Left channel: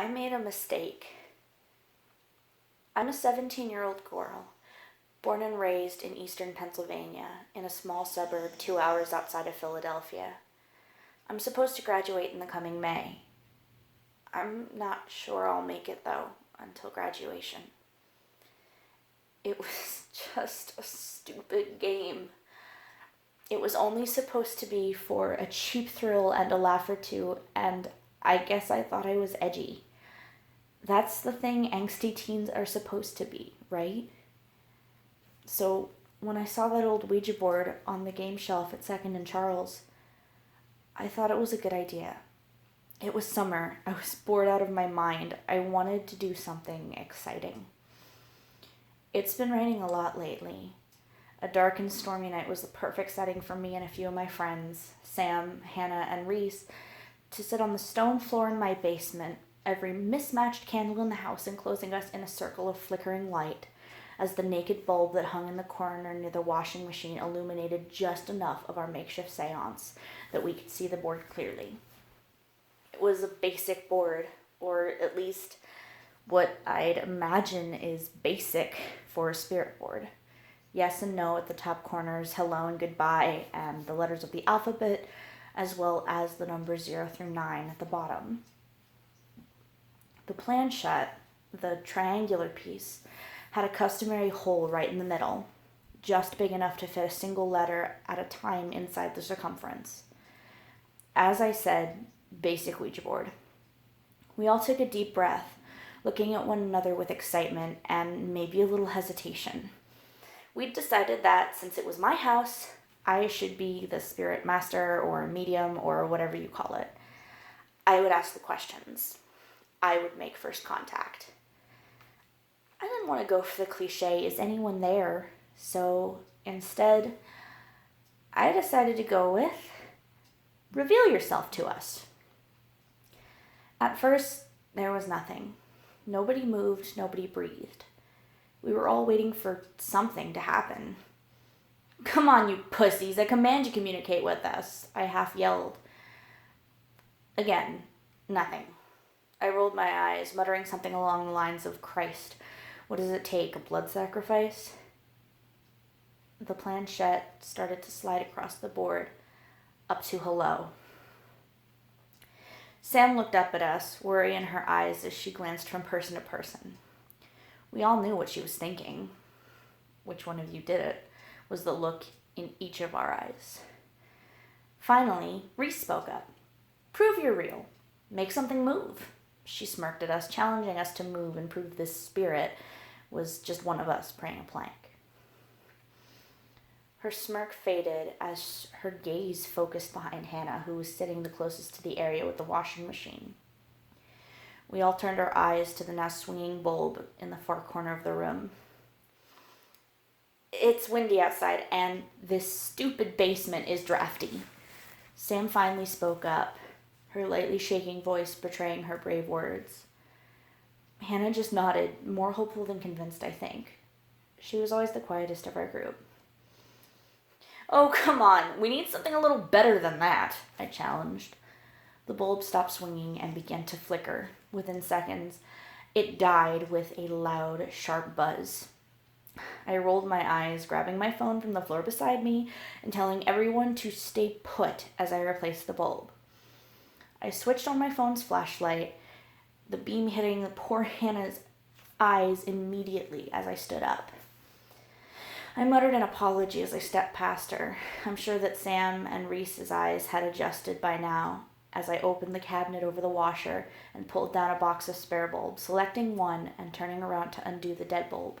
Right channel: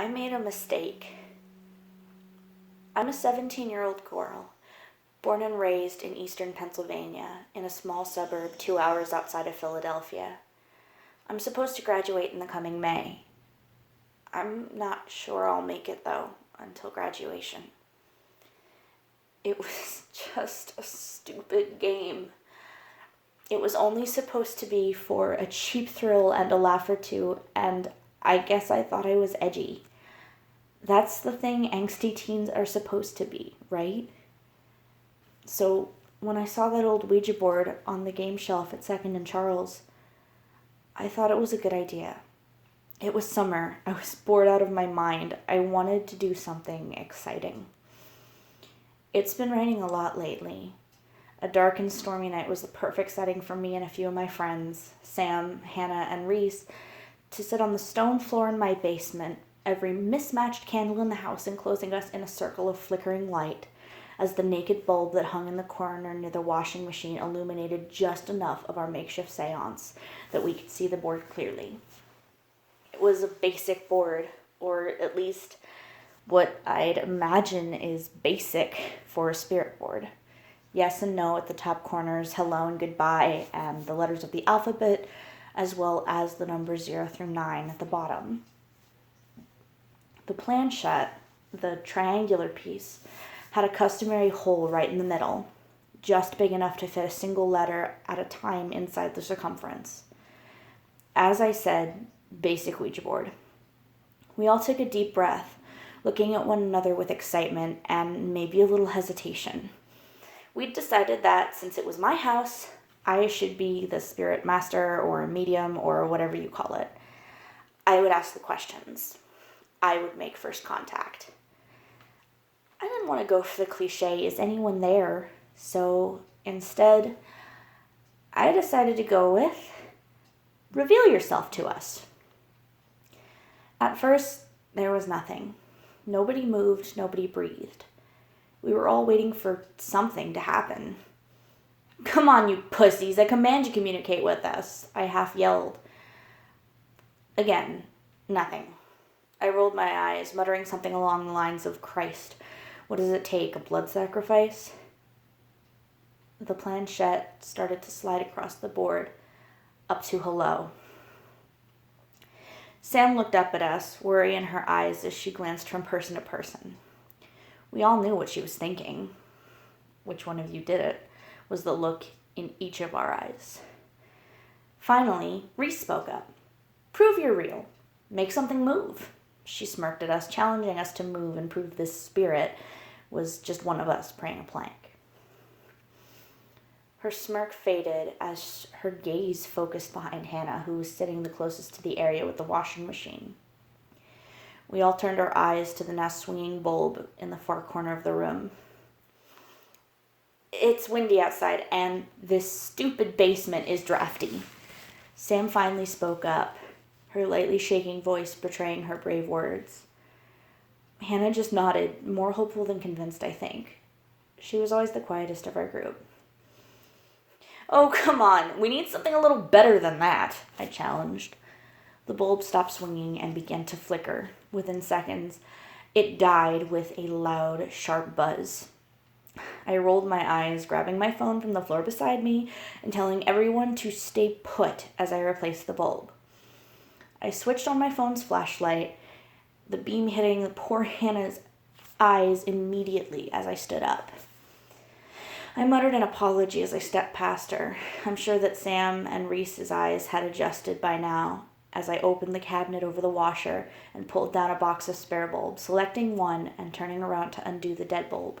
I made a mistake. I'm a 17-year-old girl, born and raised in eastern Pennsylvania, in a small suburb 2 hours outside of Philadelphia. I'm supposed to graduate in the coming May. I'm not sure I'll make it, though, until graduation. It was just a stupid game. It was only supposed to be for a cheap thrill and a laugh or two, and I guess I thought I was edgy. That's the thing angsty teens are supposed to be, right? So when I saw that old Ouija board on the game shelf at 2nd and Charles, I thought it was a good idea. It was summer. I was bored out of my mind. I wanted to do something exciting. It's been raining a lot lately. A dark and stormy night was the perfect setting for me and a few of my friends, Sam, Hannah, and Reese, to sit on the stone floor in my basement, every mismatched candle in the house enclosing us in a circle of flickering light, as the naked bulb that hung in the corner near the washing machine illuminated just enough of our makeshift seance that we could see the board clearly. It was a basic board, or at least what I'd imagine is basic for a spirit board. Yes and no at the top corners, hello and goodbye, and the letters of the alphabet, as well as the numbers 0 through 9 at the bottom. The planchette, the triangular piece, had a customary hole right in the middle, just big enough to fit a single letter at a time inside the circumference. As I said, basic Ouija board. We all took a deep breath, looking at one another with excitement and maybe a little hesitation. We'd decided that since it was my house, I should be the spirit master or medium or whatever you call it. I would ask the questions. I would make first contact. I didn't want to go for the cliche, is anyone there? So instead, I decided to go with, reveal yourself to us. At first, there was nothing. Nobody moved, nobody breathed. We were all waiting for something to happen. Come on, you pussies, I command you communicate with us, I half yelled. Again, nothing. I rolled my eyes, muttering something along the lines of, Christ, what does it take, a blood sacrifice? The planchette started to slide across the board, up to hello. Sam looked up at us, worry in her eyes as she glanced from person to person. We all knew what she was thinking. Which one of you did it? Was the look in each of our eyes. Finally, Reese spoke up. Prove you're real. Make something move. She smirked at us, challenging us to move and prove this spirit was just one of us praying a plank. Her smirk faded as her gaze focused behind Hannah, who was sitting the closest to the area with the washing machine. We all turned our eyes to the now swinging bulb in the far corner of the room. It's windy outside, and this stupid basement is drafty. Sam finally spoke up, her lightly shaking voice betraying her brave words. Hannah just nodded, more hopeful than convinced, I think. She was always the quietest of our group. Oh, come on, we need something a little better than that, I challenged. The bulb stopped swinging and began to flicker. Within seconds, it died with a loud, sharp buzz. I rolled my eyes, grabbing my phone from the floor beside me and telling everyone to stay put as I replaced the bulb. I switched on my phone's flashlight, the beam hitting the poor Hannah's eyes immediately as I stood up. I muttered an apology as I stepped past her. I'm sure that Sam and Reese's eyes had adjusted by now as I opened the cabinet over the washer and pulled down a box of spare bulbs, selecting one and turning around to undo the dead bulb.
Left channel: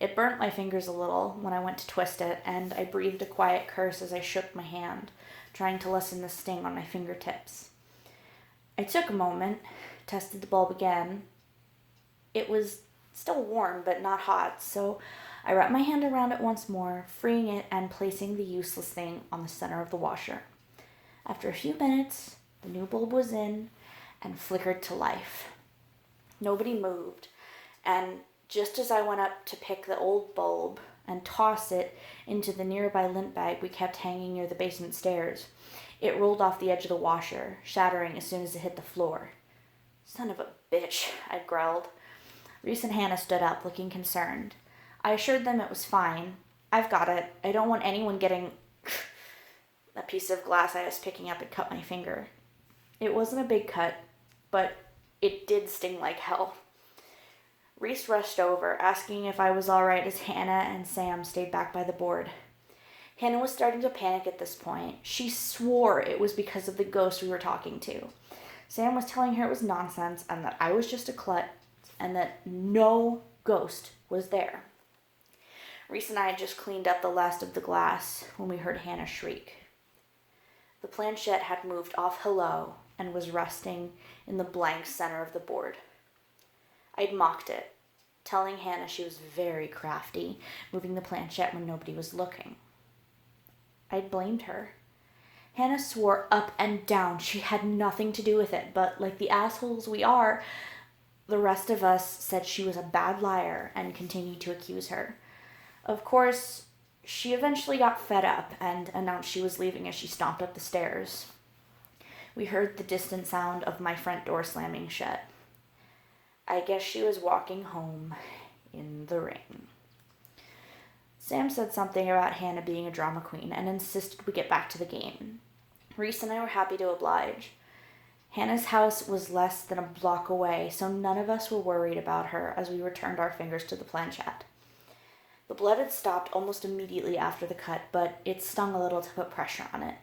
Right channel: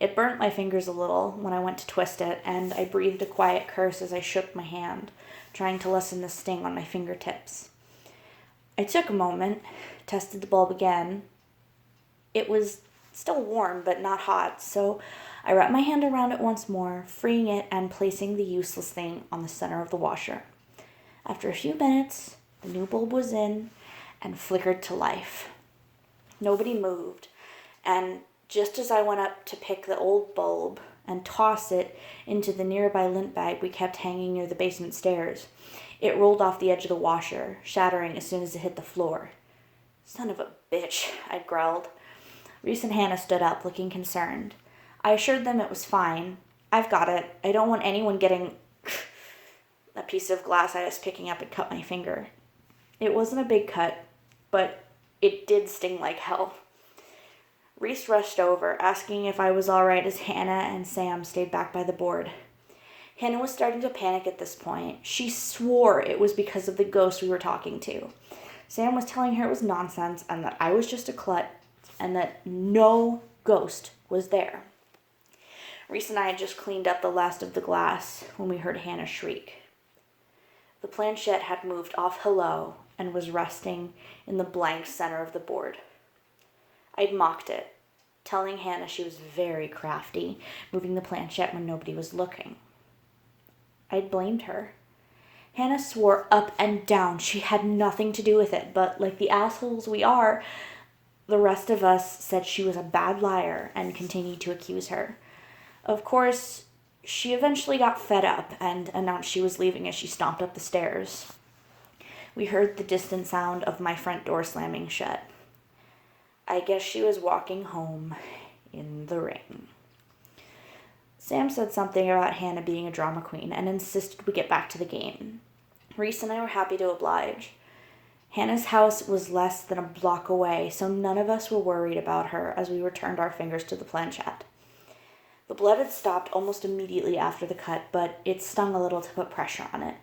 It burnt my fingers a little when I went to twist it, and I breathed a quiet curse as I shook my hand, trying to lessen the sting on my fingertips. I took a moment, tested the bulb again. It was still warm, but not hot, so I wrapped my hand around it once more, freeing it and placing the useless thing on the center of the washer. After a few minutes, the new bulb was in and flickered to life. Nobody moved, and just as I went up to pick the old bulb and toss it into the nearby lint bag we kept hanging near the basement stairs, it rolled off the edge of the washer, shattering as soon as it hit the floor. Son of a bitch, I growled. Reese and Hannah stood up, looking concerned. I assured them it was fine. I've got it. I don't want anyone getting... A piece of glass I was picking up had cut my finger. It wasn't a big cut, but it did sting like hell. Reese rushed over, asking if I was all right as Hannah and Sam stayed back by the board. Hannah was starting to panic at this point. She swore it was because of the ghost we were talking to. Sam was telling her it was nonsense and that I was just a klutz and that no ghost was there. Reese and I had just cleaned up the last of the glass when we heard Hannah shriek. The planchette had moved off hello and was resting in the blank center of the board. I'd mocked it, telling Hannah she was very crafty, moving the planchette when nobody was looking. I'd blamed her. Hannah swore up and down she had nothing to do with it, but like the assholes we are, the rest of us said she was a bad liar and continued to accuse her. Of course, she eventually got fed up and announced she was leaving as she stomped up the stairs. We heard the distant sound of my front door slamming shut. I guess she was walking home in the rain. Sam said something about Hannah being a drama queen and insisted we get back to the game. Reese and I were happy to oblige. Hannah's house was less than a block away, so none of us were worried about her as we returned our fingers to the planchette. The blood had stopped almost immediately after the cut, but it stung a little to put pressure on it.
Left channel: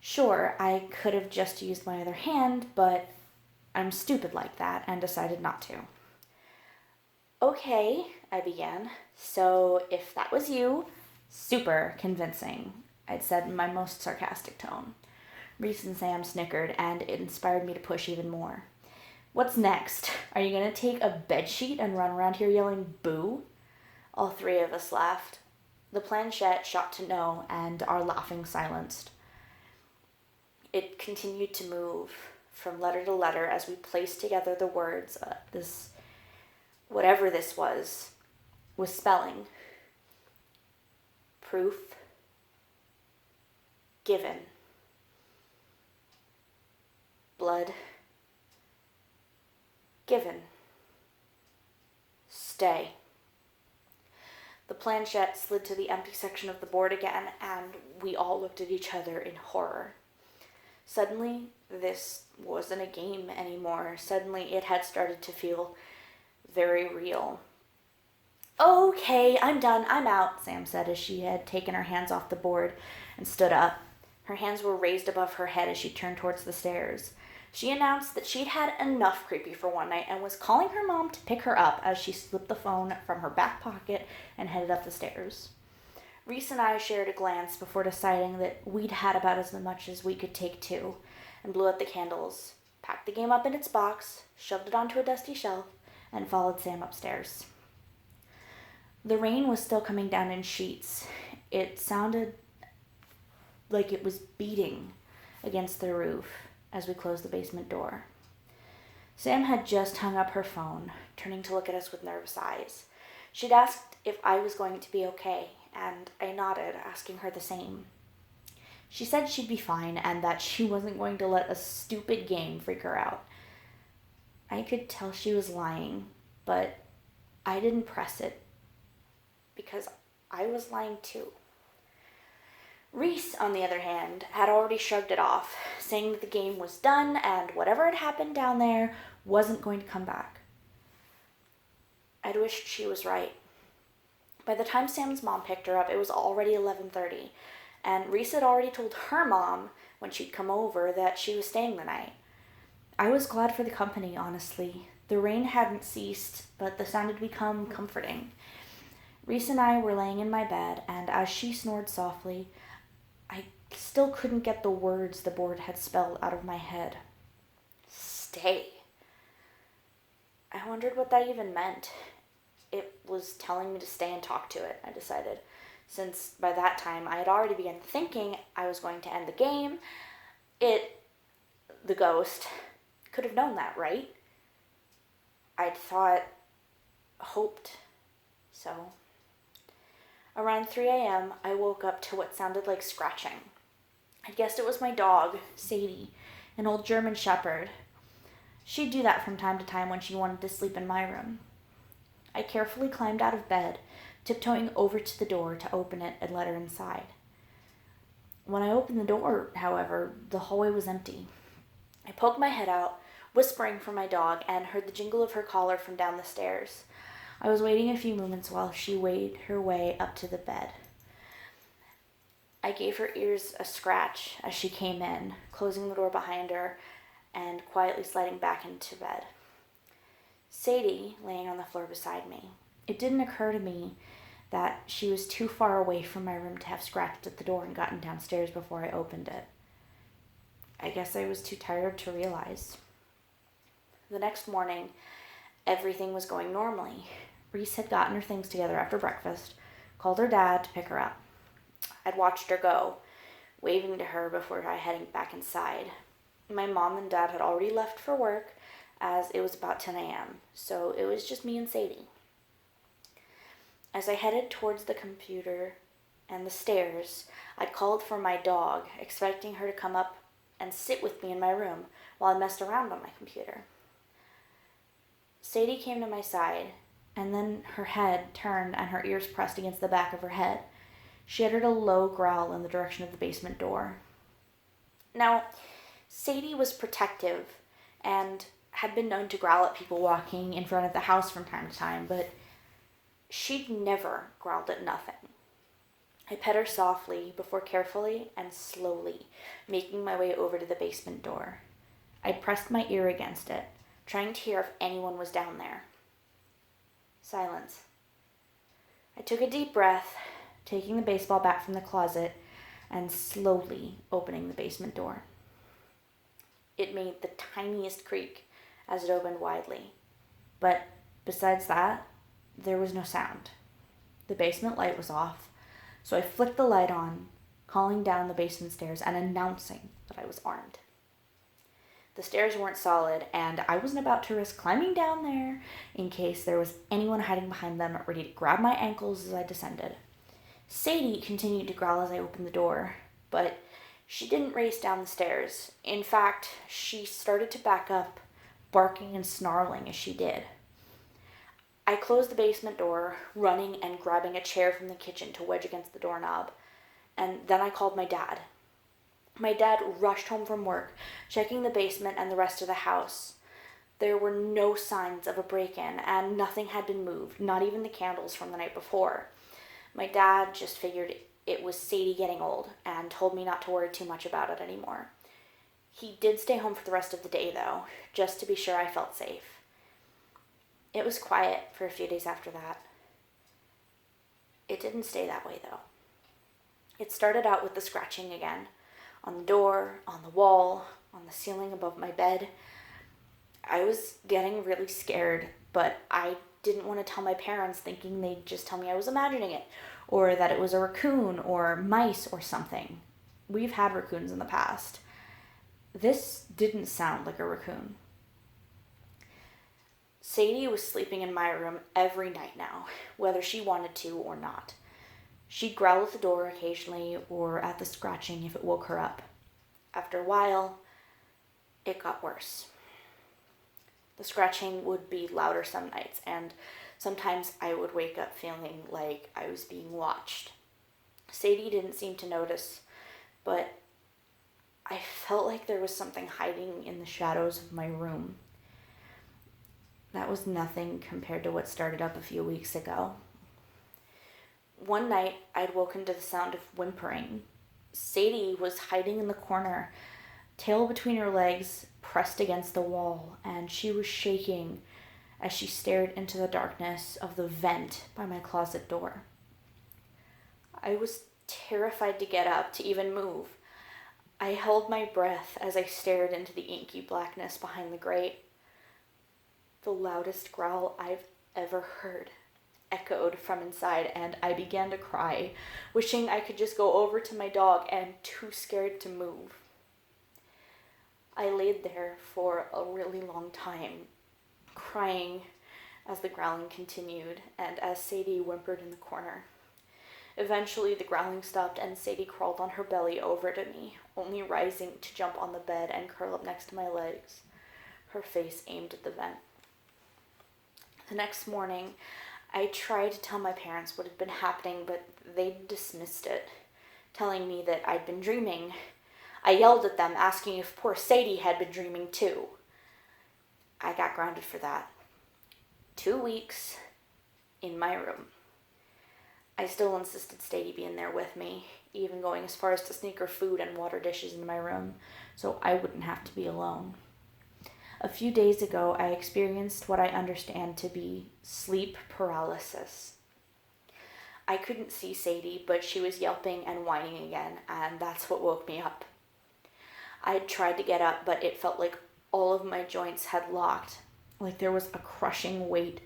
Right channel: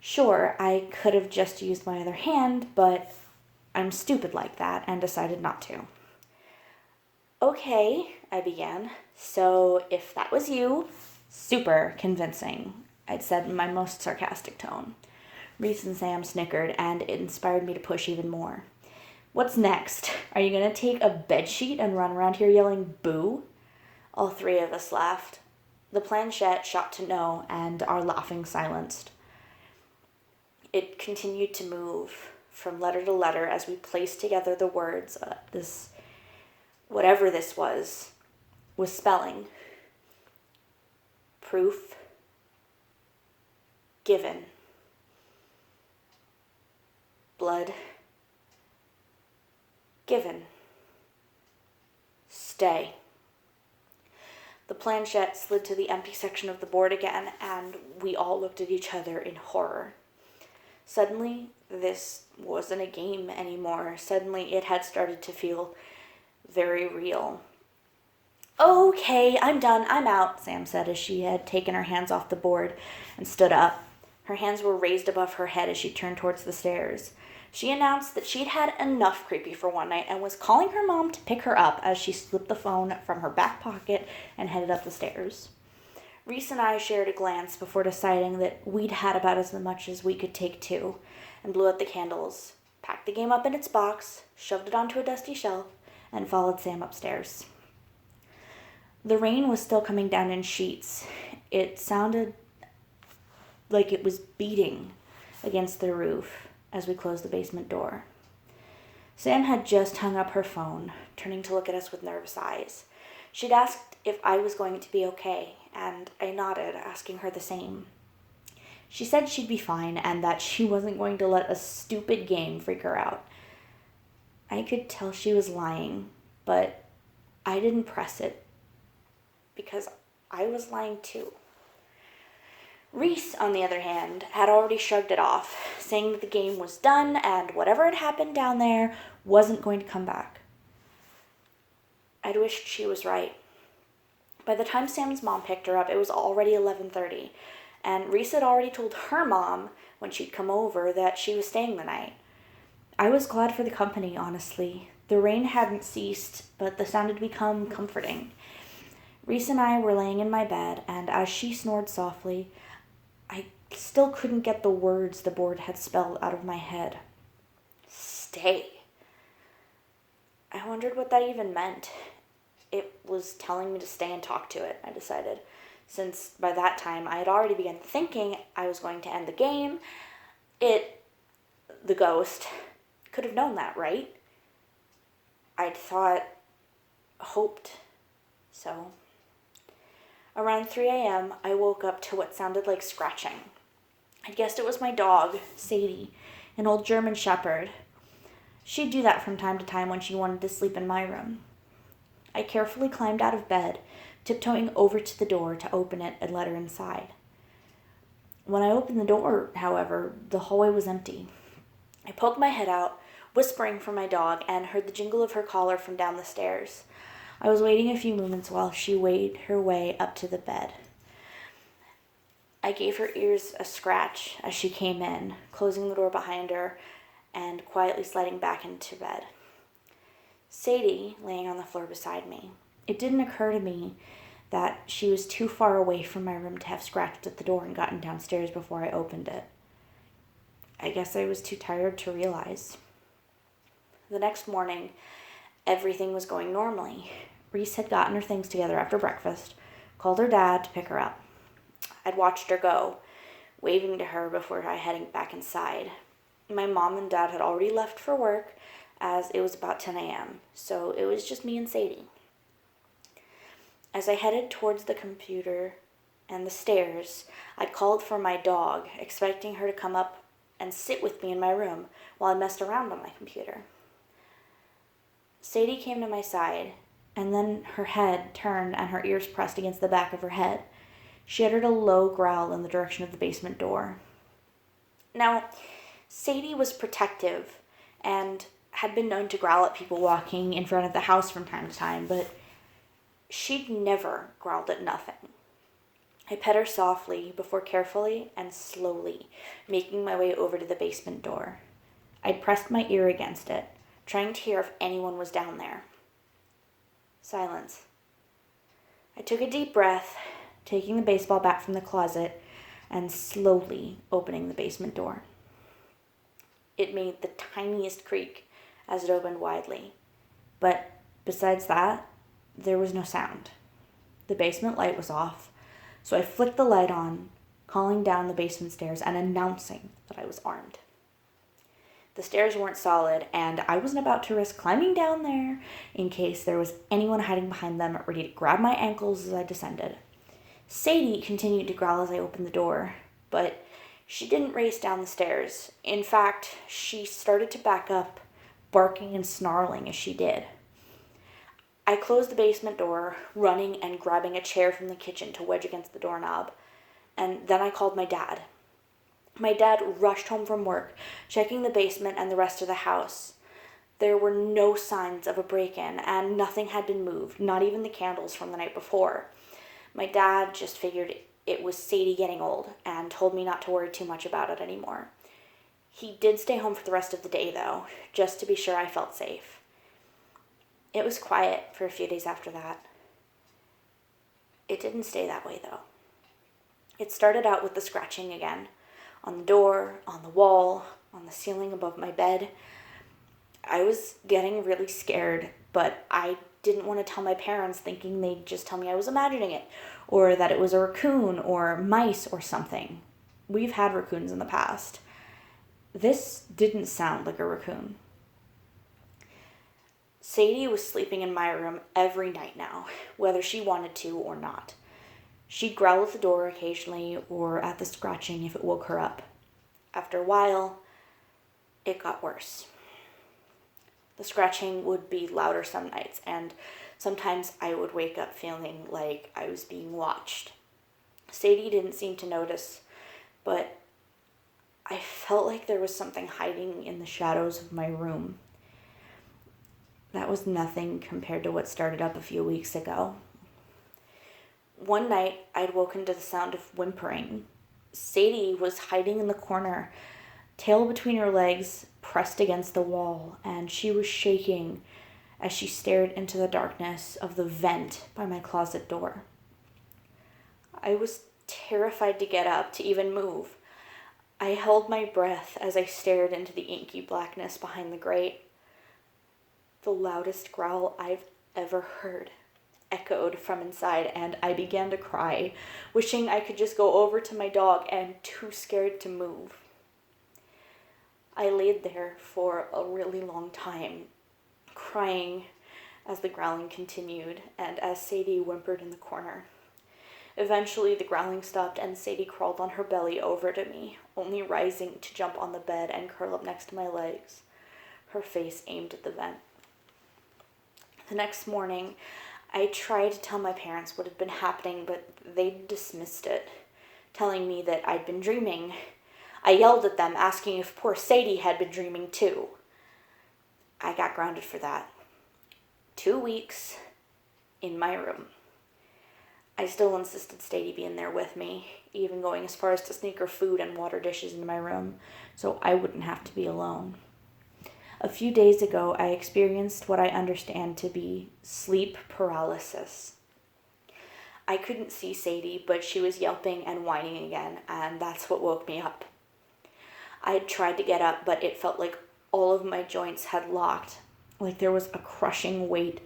Sure, I could have just used my other hand, but I'm stupid like that and decided not to. Okay, I began. So if that was you, super convincing, I'd said in my most sarcastic tone. Reese and Sam snickered, and it inspired me to push even more. What's next? Are you going to take a bedsheet and run around here yelling boo? All three of us laughed. The planchette shot to no, and our laughing silenced. It continued to move from letter to letter as we placed together the words whatever this was spelling. Proof. Given. Blood. Given. Stay. The planchette slid to the empty section of the board again, and we all looked at each other in horror. Suddenly, this wasn't a game anymore. Suddenly, it had started to feel very real. Okay, I'm done. I'm out, Sam said as she had taken her hands off the board and stood up. Her hands were raised above her head as she turned towards the stairs. She announced that she'd had enough creepy for one night and was calling her mom to pick her up as she slipped the phone from her back pocket and headed up the stairs. Reese and I shared a glance before deciding that we'd had about as much as we could take too, and blew out the candles, packed the game up in its box, shoved it onto a dusty shelf, and followed Sam upstairs. The rain was still coming down in sheets. It sounded like it was beating against the roof as we closed the basement door. Sam had just hung up her phone, turning to look at us with nervous eyes. She'd asked if I was going to be okay, and I nodded, asking her the same. She said she'd be fine and that she wasn't going to let a stupid game freak her out. I could tell she was lying, but I didn't press it because I was lying too. Reese, on the other hand, had already shrugged it off, saying that the game was done and whatever had happened down there wasn't going to come back. I'd wished she was right. By the time Sam's mom picked her up, it was already 11:30, and Reese had already told her mom, when she'd come over, that she was staying the night. I was glad for the company, honestly. The rain hadn't ceased, but the sound had become comforting. Reese and I were laying in my bed, and as she snored softly, I still couldn't get the words the board had spelled out of my head. Stay. I wondered what that even meant. It was telling me to stay and talk to it, I decided, since by that time I had already begun thinking I was going to end the game. The ghost, could have known that, right? I'd hoped so. Around 3 a.m., I woke up to what sounded like scratching. I guessed it was my dog, Sadie, an old German shepherd. She'd do that from time to time when she wanted to sleep in my room. I carefully climbed out of bed, tiptoeing over to the door to open it and let her inside. When I opened the door, however, the hallway was empty. I poked my head out, whispering for my dog, and heard the jingle of her collar from down the stairs. I was waiting a few moments while she made her way up to the bed. I gave her ears a scratch as she came in, closing the door behind her and quietly sliding back into bed. Sadie laying on the floor beside me. It didn't occur to me that she was too far away from my room to have scratched at the door and gotten downstairs before I opened it. I guess I was too tired to realize. The next morning, everything was going normally. Reese had gotten her things together after breakfast, called her dad to pick her up. I'd watched her go, waving to her before heading back inside. My mom and dad had already left for work, as it was about 10 a.m., so it was just me and Sadie. As I headed towards the computer and the stairs, I called for my dog, expecting her to come up and sit with me in my room while I messed around on my computer. Sadie came to my side, and then her head turned and her ears pressed against the back of her head. She uttered a low growl in the direction of the basement door. Now, Sadie was protective and had been known to growl at people walking in front of the house from time to time, but she'd never growled at nothing. I pet her softly before carefully and slowly making my way over to the basement door. I'd pressed my ear against it, trying to hear if anyone was down there. Silence. I took a deep breath, taking the baseball bat from the closet and slowly opening the basement door. It made the tiniest creak as it opened widely, but besides that, there was no sound. The basement light was off, so I flicked the light on, calling down the basement stairs and announcing that I was armed. The stairs weren't solid, and I wasn't about to risk climbing down there in case there was anyone hiding behind them ready to grab my ankles as I descended. Sadie continued to growl as I opened the door, but she didn't race down the stairs. In fact, she started to back up, barking and snarling as she did. I closed the basement door, running and grabbing a chair from the kitchen to wedge against the doorknob, and then I called my dad. My dad rushed home from work, checking the basement and the rest of the house. There were no signs of a break-in, and nothing had been moved, not even the candles from the night before. My dad just figured it was Sadie getting old and told me not to worry too much about it anymore. He did stay home for the rest of the day, though, just to be sure I felt safe. It was quiet for a few days after that. It didn't stay that way, though. It started out with the scratching again, on the door, on the wall, on the ceiling above my bed. I was getting really scared, but I didn't want to tell my parents, thinking they'd just tell me I was imagining it, or that it was a raccoon or mice or something. We've had raccoons in the past. This didn't sound like a raccoon. Sadie was sleeping in my room every night now, whether she wanted to or not. She'd growl at the door occasionally or at the scratching if it woke her up. After a while, it got worse. The scratching would be louder some nights, and sometimes I would wake up feeling like I was being watched. Sadie didn't seem to notice, but I felt like there was something hiding in the shadows of my room. That was nothing compared to what started up a few weeks ago. One night, I'd woken to the sound of whimpering. Sadie was hiding in the corner, tail between her legs, pressed against the wall, and she was shaking as she stared into the darkness of the vent by my closet door. I was terrified to get up, to even move. I held my breath as I stared into the inky blackness behind the grate. The loudest growl I've ever heard echoed from inside, and I began to cry, wishing I could just go over to my dog and too scared to move. I laid there for a really long time, crying as the growling continued and as Sadie whimpered in the corner. Eventually the growling stopped and Sadie crawled on her belly over to me, only rising to jump on the bed and curl up next to my legs. her face aimed at the vent. The next morning, I tried to tell my parents what had been happening, but they dismissed it, telling me that I'd been dreaming. I yelled at them, asking if poor Sadie had been dreaming too. I got grounded for that. 2 weeks in my room. I still insisted Sadie be in there with me, even going as far as to sneak her food and water dishes into my room so I wouldn't have to be alone. A few days ago, I experienced what I understand to be sleep paralysis. I couldn't see Sadie, but she was yelping and whining again, and that's what woke me up. I tried to get up, but it felt like all of my joints had locked, like there was a crushing weight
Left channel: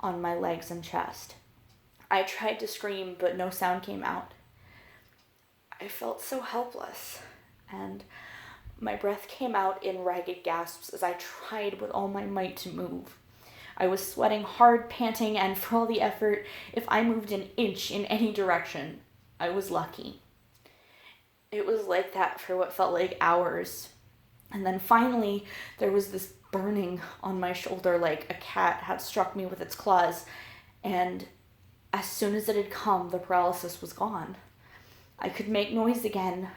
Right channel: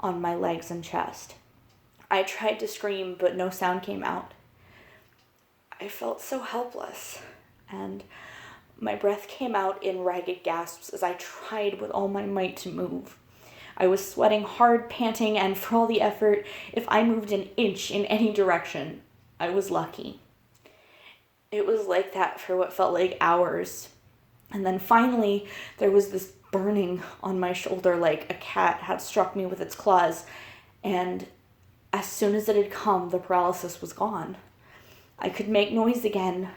on my legs and chest. I tried to scream, but no sound came out. I felt so helpless, and my breath came out in ragged gasps as I tried with all my might to move. I was sweating hard, panting, and for all the effort, if I moved an inch in any direction, I was lucky. It was like that for what felt like hours. And then finally, there was this burning on my shoulder like a cat had struck me with its claws, and as soon as it had come, the paralysis was gone. I could make noise again,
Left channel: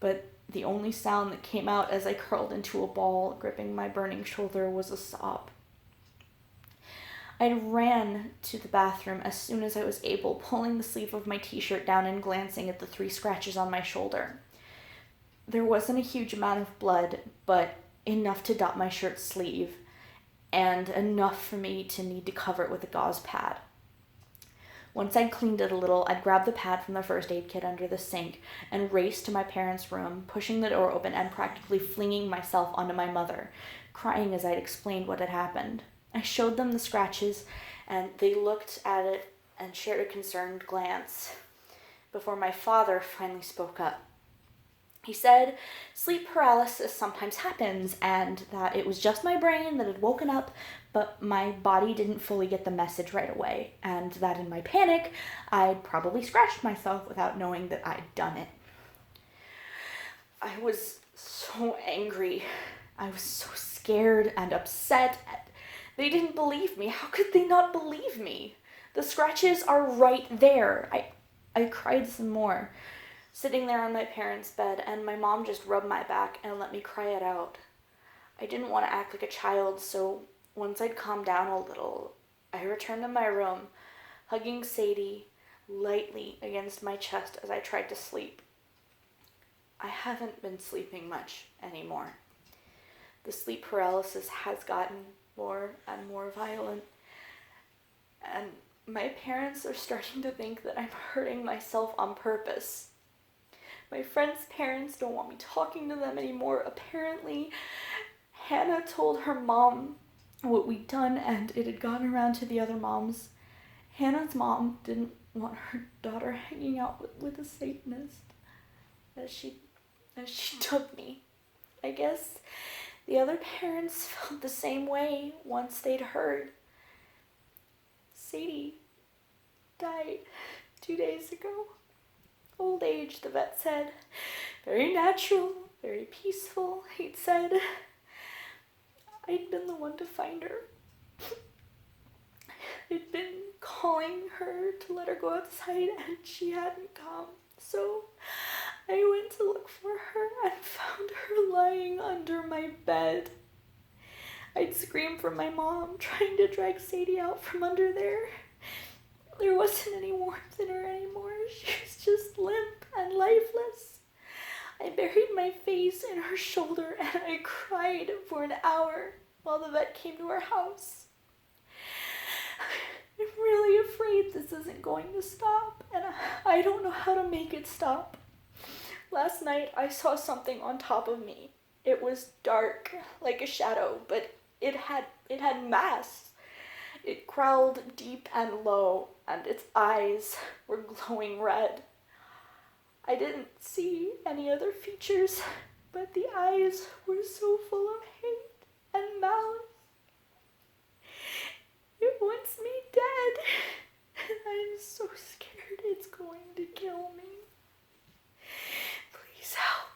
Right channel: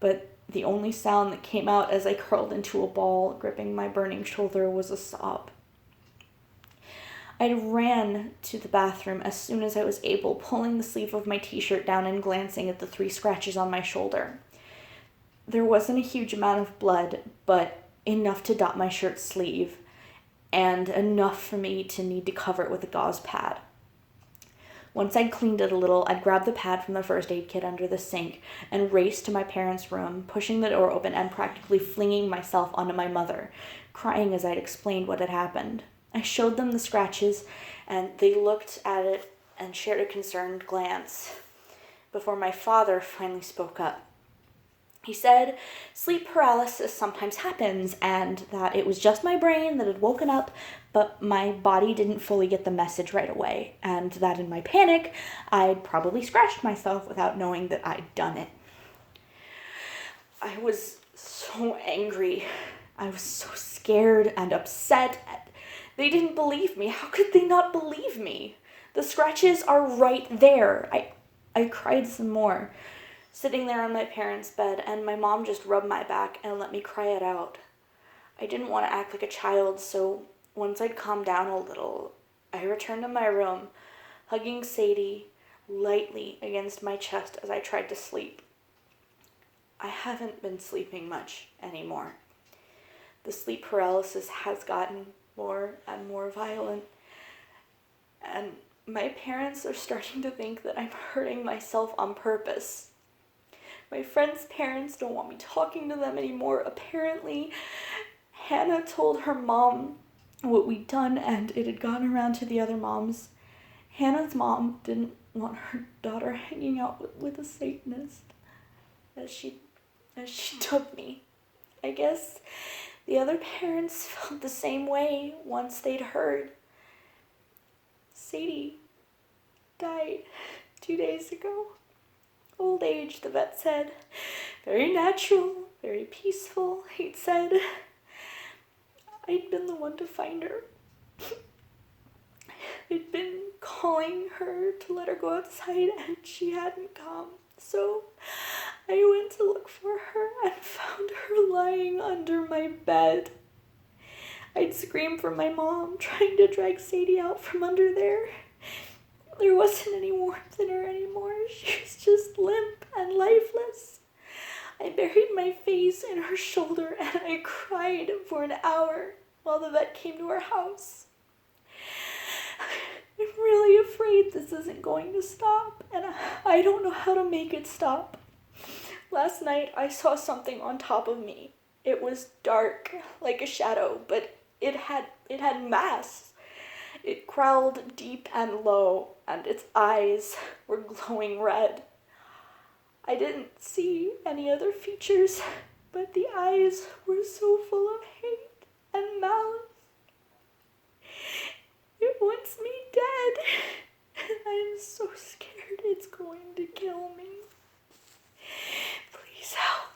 but the only sound that came out as I curled into a ball, gripping my burning shoulder, was a sob. I ran to the bathroom as soon as I was able, pulling the sleeve of my t-shirt down and glancing at the 3 scratches on my shoulder. There wasn't a huge amount of blood, but enough to dot my shirt sleeve, and enough for me to need to cover it with a gauze pad. Once I'd cleaned it a little, I'd grabbed the pad from the first aid kit under the sink and raced to my parents' room, pushing the door open and practically flinging myself onto my mother, crying as I'd explained what had happened. I showed them the scratches, and they looked at it and shared a concerned glance before my father finally spoke up. He said sleep paralysis sometimes happens, and that it was just my brain that had woken up, but my body didn't fully get the message right away, and that in my panic, I'd probably scratched myself without knowing that I'd done it. I was so angry. I was so scared and upset. They didn't believe me. How could they not believe me? The scratches are right there. I cried some more, sitting there on my parents' bed, and my mom just rubbed my back and let me cry it out. I didn't want to act like a child, so once I'd calmed down a little, I returned to my room, hugging Sadie lightly against my chest as I tried to sleep. I haven't been sleeping much anymore. The sleep paralysis has gotten more and more violent, and my parents are starting to think that I'm hurting myself on purpose. My friends' parents don't want me talking to them anymore. Apparently, Hannah told her mom what we'd done, and it had gone around to the other moms. Hannah's mom didn't want her daughter hanging out with a Satanist, as she dubbed me. I guess the other parents felt the same way once they'd heard. Sadie died 2 days ago. Old age, the vet said. Very natural, very peaceful, he'd said. I'd been the one to find her. I'd been calling her to let her go outside, and she hadn't come. So I went to look for her and found her lying under my bed. I'd screamed for my mom, trying to drag Sadie out from under there. There wasn't any warmth in her anymore. She was just limp and lifeless. I buried my face in her shoulder and I cried for an hour while the vet came to our house. I'm really afraid this isn't going to stop, and I don't know how to make it stop. Last night I saw something on top of me. It was dark, like a shadow, but it had mass. It growled deep and low, and its eyes were glowing red. I didn't see any other features, but the eyes were so full of hate and malice. It wants me dead, and I'm so scared it's going to kill me. Please help.